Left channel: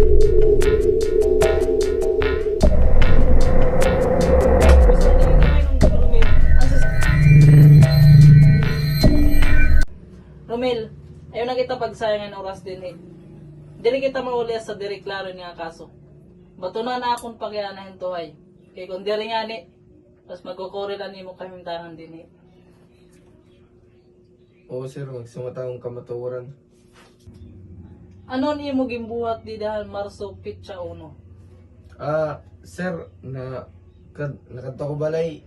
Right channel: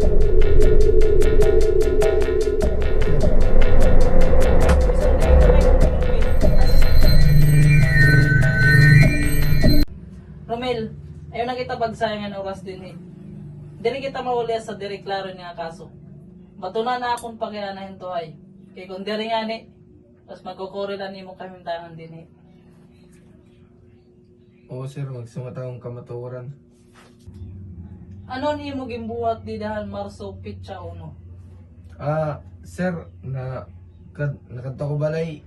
Romel, ayaw na kita pagsayangan oras din eh. Dili kita mauli sa direklaro niya kaso. Bato na akong pakianahin to ay. Kaya kung diri nga ni, tapos magkukurilan ni mo kaming tangan din eh. Oo sir, magsamataong kamatuoran. Ano ni mo gimbuhat di dahil Marso Pitsa Uno? Sir, nakadto ko balay.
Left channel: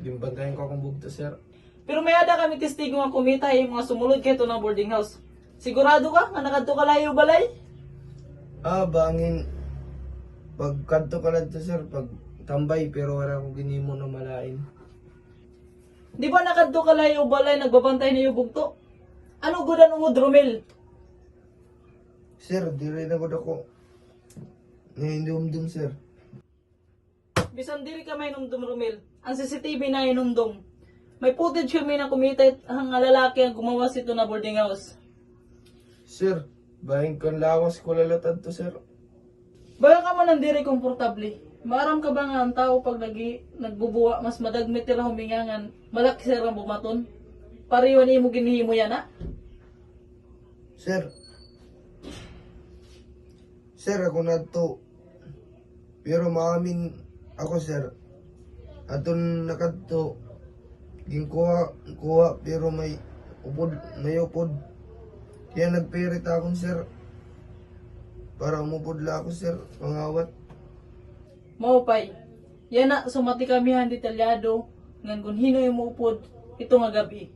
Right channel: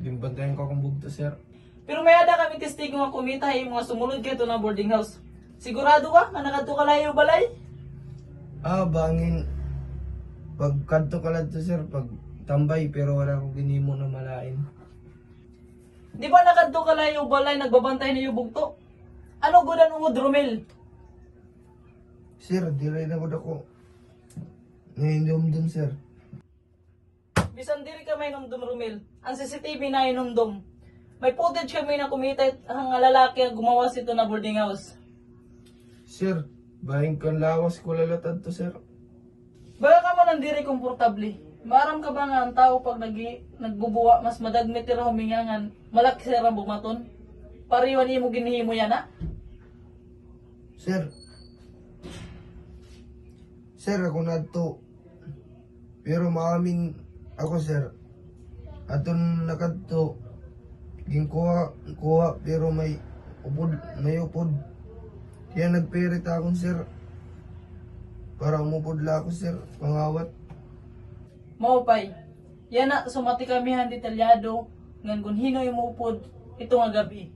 Dimbantayan ko akong bugto sir. Pero may ada kami testigo nga kumita yung mga sumulod kayo ng boarding house. Sigurado ka nga nakadto ka layo balay? Bangin. Pagkadto ka na to sir, pag tambay pero wala akong ginimo na malain. Di ba nakadto ka layo balay nagbabantay niyo bugto? Ano gudan mo Romel? Sir, di rin ako ngayon sir. Bisan diri ka may nungdom Romel. Ang CCTV na inungdom. May footage kami na kumita ang lalaki ang gumawa sito na boarding house. Sir, bahing kan lawas ko lalatad to sir. Baka ka mo nang diri komportable. Maram ka ba nga ang tao pag nagbubuwa mas madagmit tira humingangan malaki sira bumaton? Pariwan mo ginihimo yan ha? Sir, ako na to. Pero maamin ako sir. Aton nakadto. Kuha pero may upod. Kaya nagpirit akong sir. Para umupod la ako sir, pangawat. Maupay. Yan na sumati kami han detalyado ngan kung hino yung upod ito nga gabi.